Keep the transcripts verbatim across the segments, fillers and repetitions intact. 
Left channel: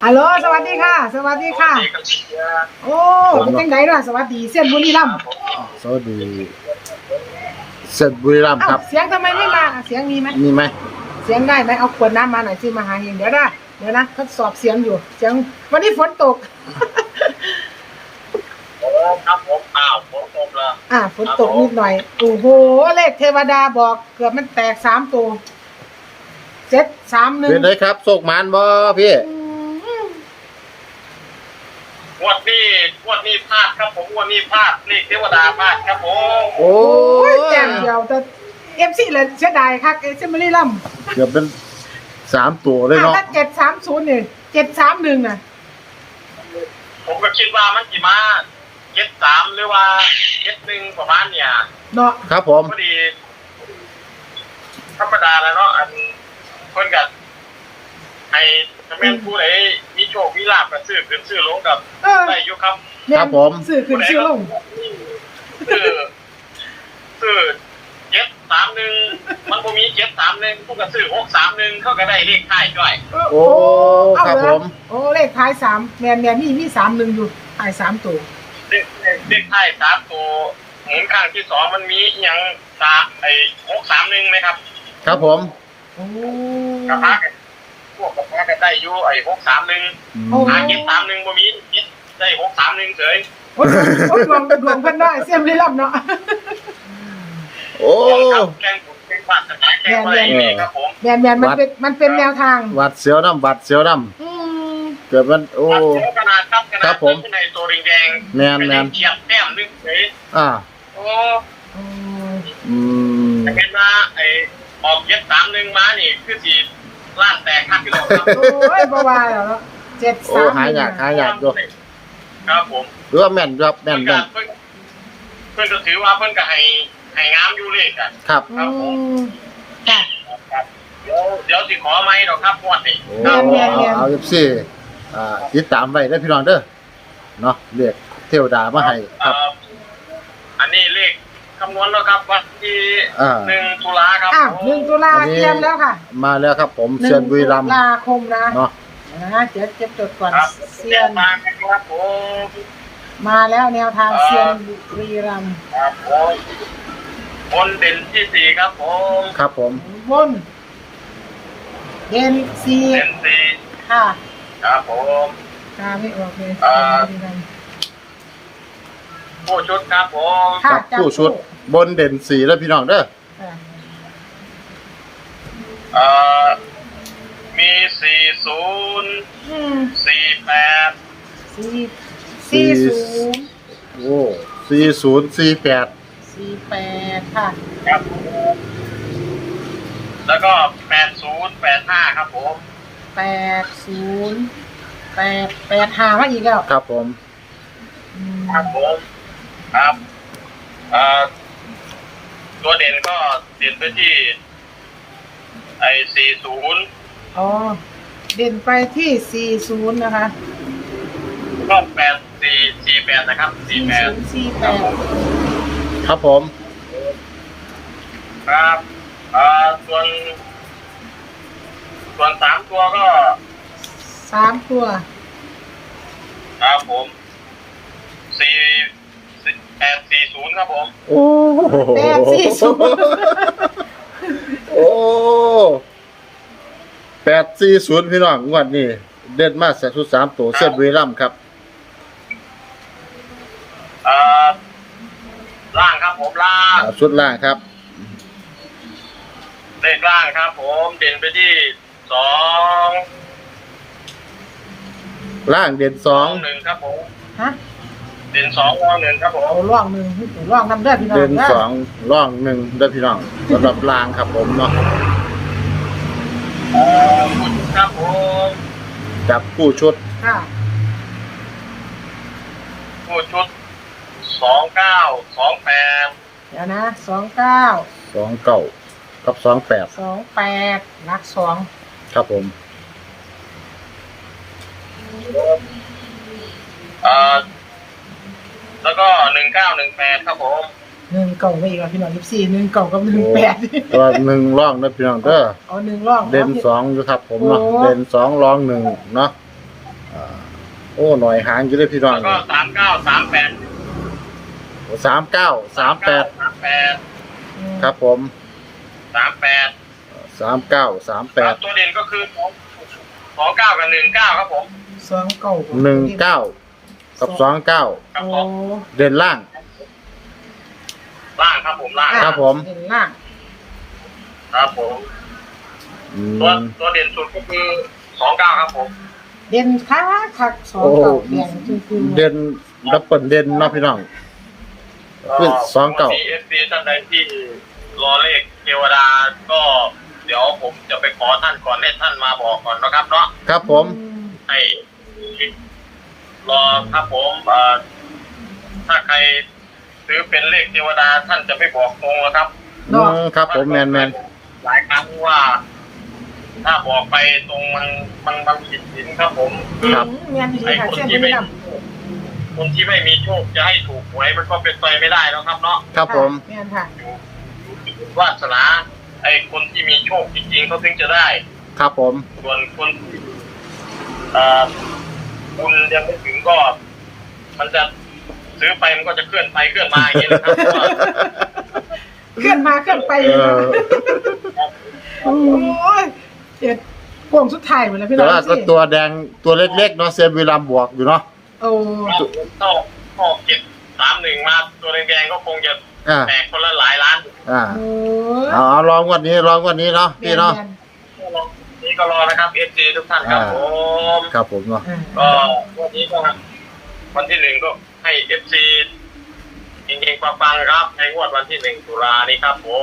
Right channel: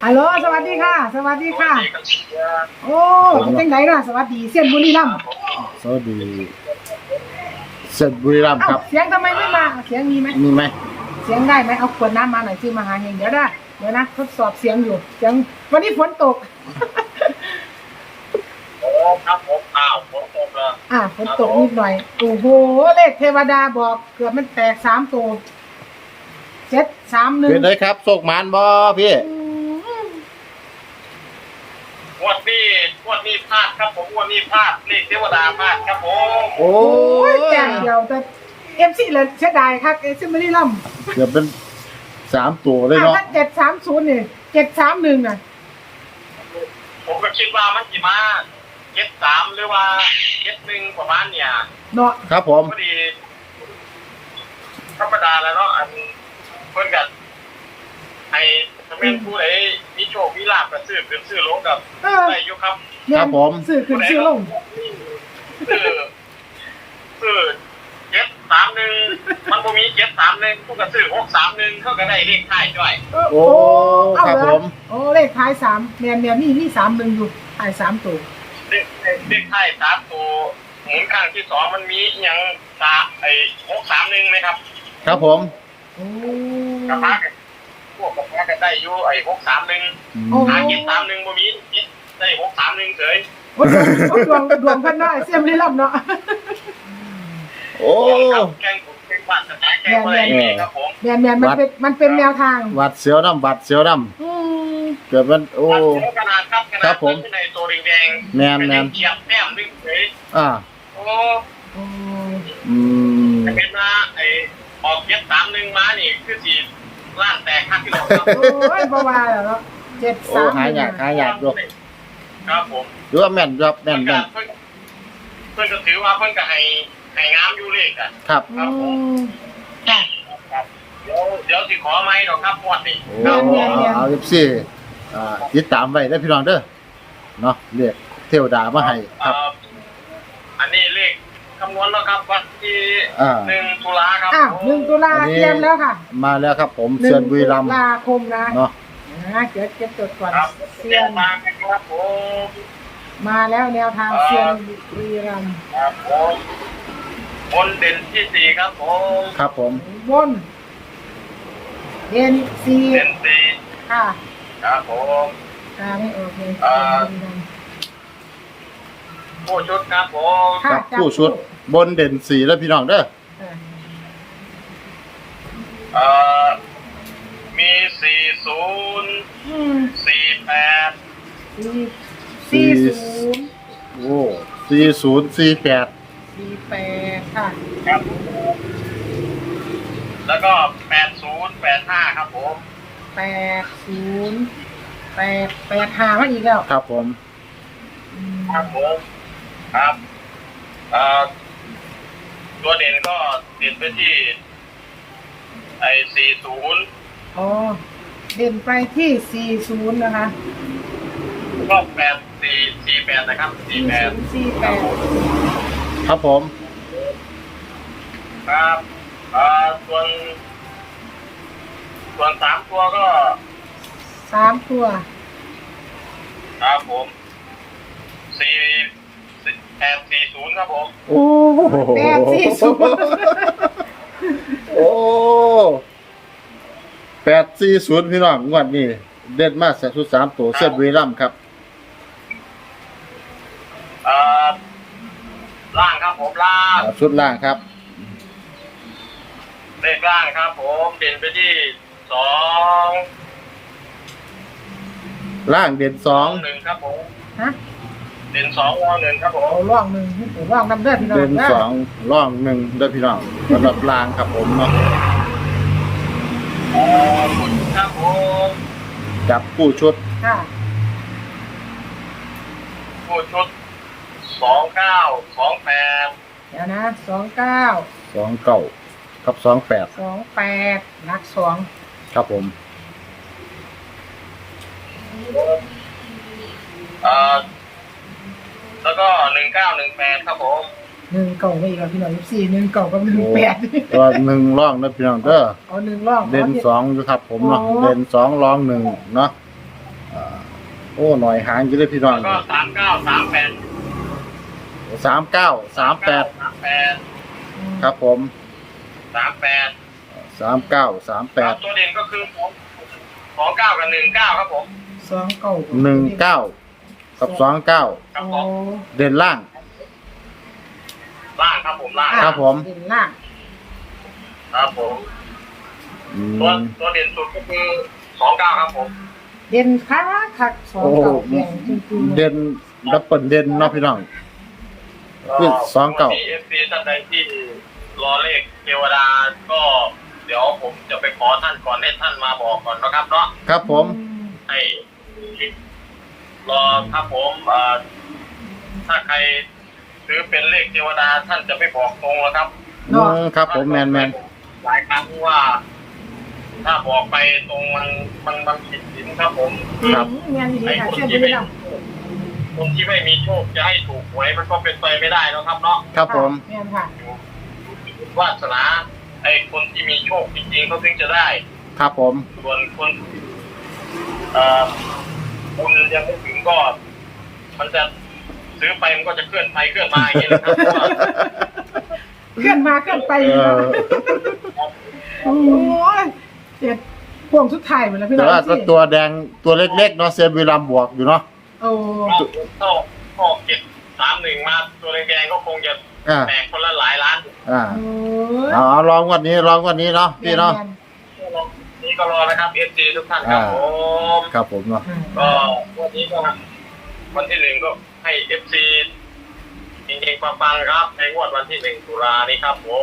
ฮัลโหลสวัสดีค่ะสวัสดีค่ะโอ้เป็นจังไดล่ะสวัสดีเสียนบุรีรัมย์สวัสดีเสร็จบุรีรัมย์ครับเสียงทำไมไม่มาเสียงมีไหมมีไหมเสียงได้ไหมเอาขวดน้ำมาหน่อยสิมาหาเองเดี๋ยวได้เดี๋ยวนะทดสอบเสียงอยู่เสียงวันนี้ฝนตกโอ้ครับผมอ้าวฝนตกแล้วอ่าฝนตกนิดหน่อยโอ้โหเลขเทวดาบอกเกือบมันแตกสามตัวเจ็ดสามหนึ่งเป็นไรครับโศกมานบ่พี่งวดนี้งวดนี้พลาดครับผมงวดนี้พลาดเลขเทวดาพลาดครับผมโอ้ยแจ่มเดียวแต่เอฟซีเลยเสียดายครับเอฟซีบุรีรัมย์เกือบเป็นสามตัวเลยเนาะถ้าเจ็ดสามศูนย์เนี่ยเจ็ดสามหนึ่งอ่ะผมก็คิดว่ามันกี่มาเจ็ดสามหรือว่าเจ็ดหนึ่งประมาณเนี่ยเนาะครับผมพอดีธรรมดาแล้วเนาะอันคนกันไอ้ถ้าแม่นผู้ใดมีโชคมีลาภก็ซื้อขึ้นซื้อลงกับได้อยู่ครับครับผมซื้อขึ้นซื้อลงซื้อซื้อเจ็ดสามหนึ่งมันบ่มีเจ็ดสามหนึ่งผู้ก็ซื้อหกสามหนึ่งเขาก็ได้เลขท้ายด้วยโอ้ครับผมโอ้เลขท้ายสามแมนแมนมีมีสามหนึ่งอยู่ท้ายสามตัวเลขท้ายสามตัวหมุนข้างที่สองมันมีอย่างสาไอ้หกสามหนึ่งไหมครับครับผมโอ้กระพาพวกกระพาก็ได้อยู่ไอ้หกสามหนึ่งหาเจ็ดสามหนึ่งบ่มีได้หกสามหนึ่งเฉยโอ้ดวงดวงกันได้เสียมลิลัมเนาะโอ้แกงผมเป็นวัดสายแกงอะไรครับผมแมนแมนมันเป็นมันเป็นแนวทางวัดเสียวน้ำวัดเสียวน้ำเกิดมันโอ้ขนาดครับครับผมในตัวแดงแมนแมนเฉียบแก้มนึงเฉยอ่าโอ้อืมเห็นว่าไอ้ออกเจ็ดสามหนึ่งมานี่คือสีล่างแตกข้างที่เราครับโอ้ยบ่ว่าแล้วเนาะเจ็ดสามโอ้หายากหายากด้วยครับผมหรือว่าแม่นครับแม่นแม่นเพื่อนก็ถือว่าเพื่อนก็ให้ให้งามอยู่เลขอ่ะครับครับผมเดี๋ยวเดี๋ยวสิขอไหมดอกครับงวดนี้โอ้เอาเอาเอฟซีอ่าติดตามไว้ได้พี่น้องเด้อเนาะเลขเทวดามาให้ครับอันนี้เลขคำนวณแล้วครับวันที่หนึ่งตุลาครับอ้าวหนึ่งตุลาเตรียมแล้วค่ะมาแล้วครับผมเซียนบุรีรัมย์ตุลาคมนะเนาะนะเดี๋ยวจะจดก่อนเซียนมาครับผมมาแล้วแนวทางเซียนบุรีรัมย์ครับผมบนเด่นที่สี่ครับผมครับผมบนเด่นสี่เด่นสี่ค่ะครับผมค่ะไม่โอเคผู้ชุดครับผมครับผู้ชุดบนเด่นสี่แล้วพี่น้องเด้อเอ่อมีสี่ศูนย์สี่แปดสี่สี่ศูนย์โอ้สี่ศูนย์สี่แปดสี่แปดค่ะครับแล้วก็แปดศูนย์แปดห้าครับผมแปดศูนย์แปดแปดห้ามาอีกแล้วครับผมครับผมครับเอ่อตัวเด่นก็เด่นไปที่ไอ้สี่ศูนย์อ๋อเด่นไปที่สี่ศูนย์นะคะก็แปดสี่สี่แปดนะครับสี่แปดสี่แปดครับผมครับเอ่อส่วนส่วนสามตัวก็สามตัวครับผมสี่แปดสี่ศูนย์ครับผมโอ้แปดสี่ศูนย์โอ้แปดสี่ศูนย์พี่น้องงวดนี้เด่นมากแต่ชุดสามตัวเส้นบุรีรัมย์ครับเอ่อล่างครับผมล่างชุดล่างครับเลขล่างครับผมเด่นไปที่สองล่างเด่นสองหนึ่งครับผมฮะเด่นสองร่องหนึ่งครับผมร่องหนึ่งร่องนำได้พี่น้องเด่นสองร่องหนึ่งได้พี่น้องสำหรับล่างครับผมเนาะเอ่อผู้ชุดครับผมจับผู้ชุดค่ะผู้ชุดสองเก้าสองแปดเดี๋ยวนะสองเก้าสองเก้ากับสองแปดสองแปดนักสองครับผมเอ่อแล้วก็หนึ่งเก้าหนึ่งแปดครับผมหนึ่งเก่าไปอีกแล้วพี่น้องยี่สี่หนึ่งเก่ากับหนึ่งแปดตัวหนึ่งร่องนะพี่น้องเด้อเอาหนึ่งร่องเด่นสองอยู่ครับผมเนาะเด่นสองร่องหนึ่งเนาะโอ้หน่อยหางอยู่เลยพี่น้องแล้วก็สามเก้าสามแปดสามเก้าสามแปดสามแปดครับผมสามแปดสามเก้าสามแปดตัวเด่นก็คือสองสองเก้ากับหนึ่งเก้าครับผมสองเก้าหนึ่งเก้ากับสองเก้าครับผโอ้มเด่นล่างล่างครับผมล่างครับผมเด่นล่างครับผมอืตัวมตัวเด่นสุดก็คือสองเก้าครับผมเด่นคักคักสองโอ้เก้าเด่นคือเด่นดับเบิลเด่นเนาะพี่น้อง ขึ้นสองเก้าเอฟซีท่านใดที่รอเลขเทวดาก็ เดี๋ยวผมจะไปขอท่านก่อนให้ท่านมาบอกก่อนนะครับเนาะครับผมให้รอครับผมเอ่อถ้าใครซื้อเป็นเลขเทวดาท่านจะไม่บอกตรงนะครับอืมครับผมแมนแมนหลายครั้งว่า ถ้าบอกไปตรงมันมันมันผิดศีลครับผมครับงานดีไอ้ค่ะคนเช่นที่บุไม่รีรัมย์คนที่ไม่มีโชคจะให้ถูกหวยมันก็เป็นไปไม่ได้แล้วครับเนาะครับผมเนี่ยค่ะวาสนาไอ้คนที่มีโชคจริงๆเขาถึงจะได้ครับผมส่วนคนเอ่อบุญยังไม่ถึงก็ มันจะซื้อไปมันก็จะเคลื่อนไปเคลื่อนมาอย่างนี้นะครับเคลื่อนมาเคลื่อนไปเออโอ้ยเจ็ดพวงสุดท้ายหมดแล้วพี่น้แต่องว่าก็ตัวแดงตัวเล็กๆเนาะเซนวีรัมบวกอยู่เนาะโอ้ถ้าพ่อเก็บสามหนึ่งมาตัวแดงๆก็คงจะอ่าแตกคนละหลายล้านอ่าโหเอาเอาลองวันนี้ลองวันนี้เนาะพี่เนาะนี่ก็รอนะครับเอฟซีทุกท่านครับผมครับผมเนาะก็วันนี้ก็วันที่หนึ่งก็ให้เอฟซีจริงๆฟังๆครับในงวดวันที่หนึ่งตุลานี้ครับผม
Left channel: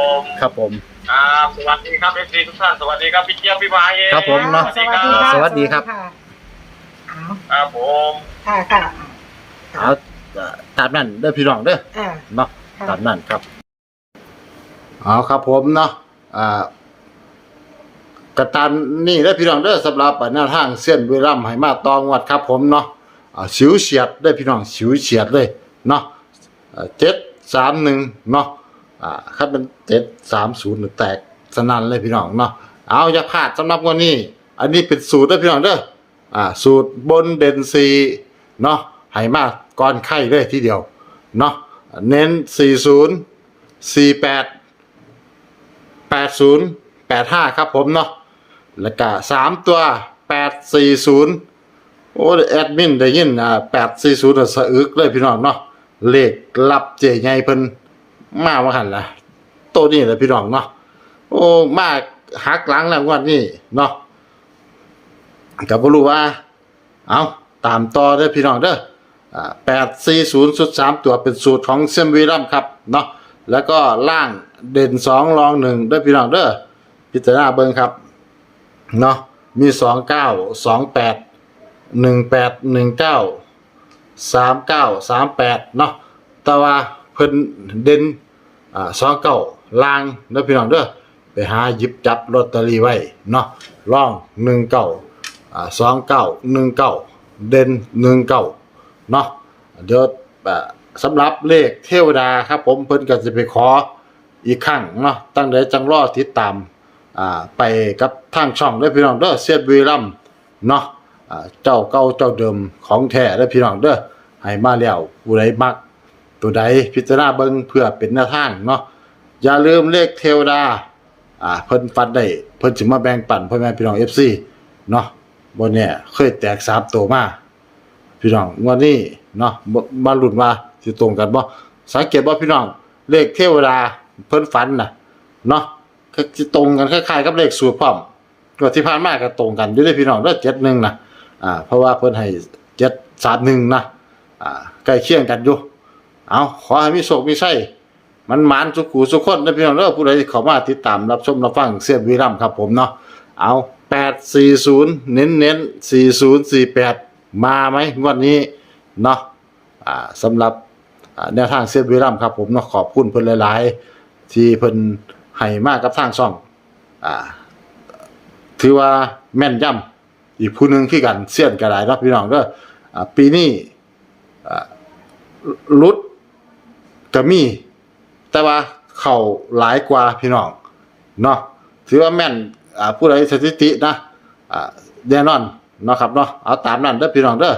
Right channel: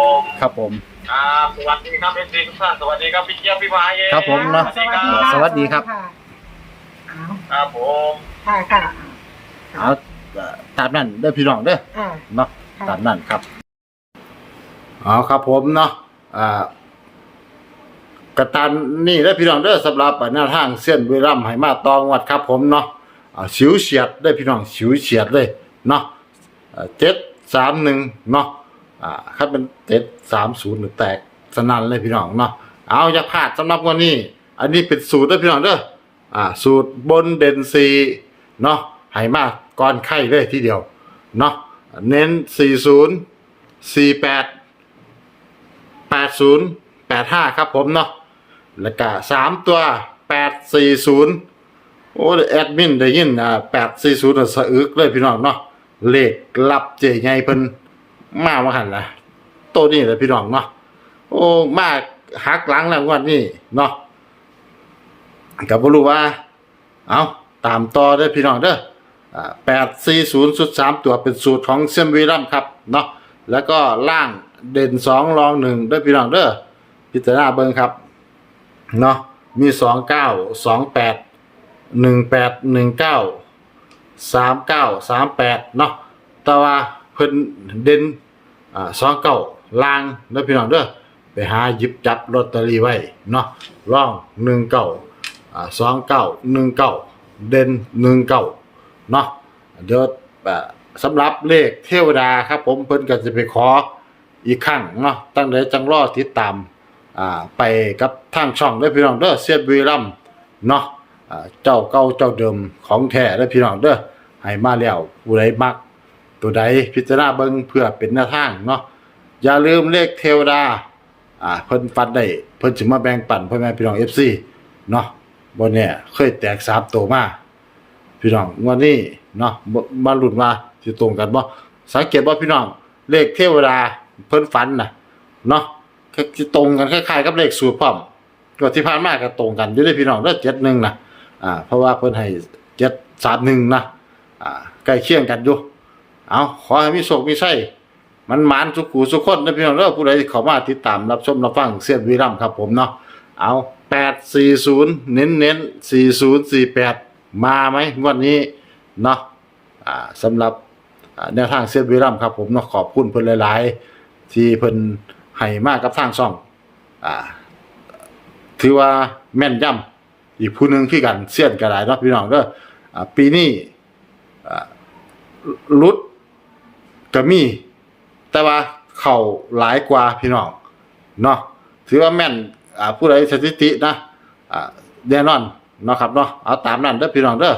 ครับผมครับสวัสดีครับเอฟซีทุกท่านสวัสดีครับพี่เจี๊ยบพี่วายครับผมเนาะสวัสดีค่ะสวัสดีครับเอาครับผมค่ะค่ะเอาเอ่อตามนั้นเด้อพี่น้องเด้ออ่าเนาะค่ะตามนั้นครับเอาครับผมเนาะอ่ากระตันนี่ได้อพี่น้องเด้อสำหรับหน้าทางเส้นเวรัมไหมาตองวัดครับผมเนาะอ่าฉิวเฉียดได้อพี่น้องฉิวเฉียดเลยเนาะเจ็ดสามหนึ่งเนาะอ่าถ้าเป็นเจ็ดสามศูนย์แตกสนั่นเลยพี่น้องเนาะเอาอย่าพลาดสำหรับวันนี้ อันนี้เป็นสูตรได้อพี่น้องเด้ออ่าสูตรบนเด่นซีเนาะไหมาก่อนไข่เลยทีเดียวเนาะเน้นสี่ศูนย์สี่แปดแปดศูนย์แปดห้าครับผมเนาะแล้วก็สามตัวแปดสี่ศูนย์โอ้แอดมินได้ยินอ่าแปดสี่ศูนย์สะอึกเลยพี่น้องเนาะเลขลับเจไงเพิ่นมาว่าหันละตัวนี้แหละพี่น้องเนาะโอ้มาหักหลังแล้วงวันนี้เนาะก็บ่รู้ว่าเอาตามต่อเด้อพี่น้องเด้ออ่าแปดสี่ศูนย์สุดสามตัวเป็นสูตรของเซมวีรัมครับเนาะแล้วก็ล่างเด่นสองรองหนึ่งเด้อพี่น้องเด้อพิจารณาเบิ่งครับเนาะมีสองเก้าสองแปดหนึ่งแปดหนึ่งเก้าสามเก้าสามแปดเนาะแต่ว่าเพิ่นเด่นอ่าสองเก้าล่างเด้อพี่น้องเด้อไปหาหยิบจับลอตเตอรี่ไว้เนาะร่องหนึ่งเก้าอ่าสองเก้าหนึ่งเก้าเด่นหนึ่งเก้าเนาะเดี๋ยวอ่าสำหรับเลขเทวดาครับผมเพิ่นก็จะไปขออีกครั้งเนาะตั้งแต่จังรอติดตามอ่าไปกับทางช่องเด้อพี่น้องเด้อเสียดบุรีรัมย์เนาะอ่าเจ้าเก่าเจ้าเดิมของแท้เด้อพี่น้องเด้อให้มาแล้วผู้ใดมักตัวใดพิจารณาเบิ่งเพื่อเป็นแนวทางเนาะอย่าลืมเลขเทวดาอ่าเพิ่นฟันได้เพิ่นสิมาแบ่งปันพ่อแม่พี่น้อง เอฟ ซี เนาะบ่แน่เคยแตกสามตัวมาพี่น้องงวดนี้เนาะบ่มาลุ้นว่าสิตรงกันบ่สังเกตบ่พี่น้องเลขเทวดาเพิ่นฝันน่ะเนาะก็สิตรงกันคล้ายๆกับเลขสูตรพร้อมก็ที่ผ่านมาก็ตรงกันอยู่เด้อพี่น้องเด้อเจ็ดหนึ่งนะอ่าเพราะว่าเพิ่นให้เจ็ดสามหนึ่งนะอ่าใกล้เคียงกันอยู่เอาขอให้มีโชคมีชัยมันหมานสุขหูสุขคนเด้อพี่น้องเด้อผู้ใดที่เข้ามาติดตามรับชมรับฟังเสียดวีรัมย์ครับผมเนาะเอาแปดสี่ศูนย์เน้นเน้นสี่ศูนย์สี่แปดมาไหมวันนี้เนาะอ่าสำหรับอ่าแนวทางเสียดวีรัมย์ครับผมเนาะขอบคุณเพิ่นหลายๆที่เพิ่นให้มากับทางช่องอ่าถือว่าแม่นยำอีกผู้หนึงคือกันเสี้ยนก็ได้เนาะพี่น้องเด้ออ่าปีนี้อ่าลุดก็มีแต่ว่าเข้าหลายกว่าพี่น้องเนาะถือว่าแม่นอ่าผู้ใดสถิตินะอ่าแน่นอนเนาะครับเนาะเอาตามนั้นเด้อพี่น้องเด้อ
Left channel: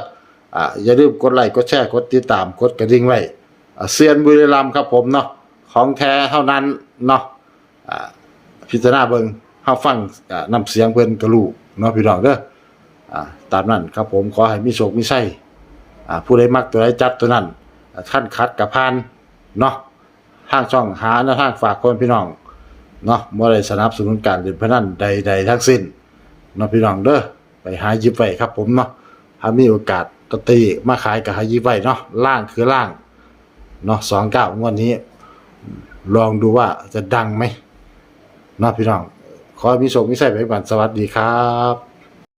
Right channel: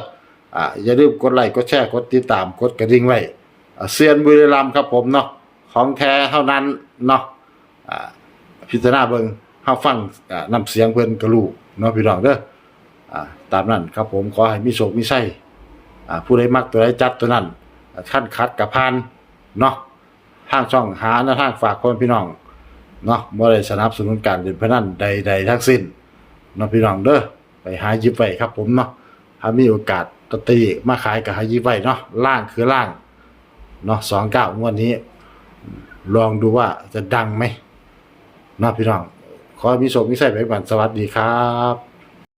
อ่าอย่าลืมกดไลค์กดแชร์กดติดตามกดกระดิ่งไว้อ่าเซียนบุรีรัมย์ครับผมเนาะของแท้เท่านั้นเนาะอ่าพิจารณาเบิ่งเฮาฟังอ่านำเสียงเพิ่นก็รู้เนาะพี่น้องเด้ออ่าตามนั้นครับผมขอให้มีโชคมีชัยอ่าผู้ใดมักตัวใดจัดตัวนั้นขั้นคัดกับพานเนาะทางช่องหาแนวทางฝากคนพี่น้องเนาะบ่ได้สนับสนุนการเล่นพนันใดๆทั้งสิ้นเนาะพี่น้องเด้อไปหาหยิบไว้ครับผมเนาะถ้ามีโอกาสตอตเตอรี่มาขายก็หาหยิบไว้เนาะล่างคือล่างเนาะสองเก้างวดนี้ลองดูว่าจะดังไหมเนาะพี่น้องขอให้มีโชคมีชัยไปก่อนสวัสดีครับ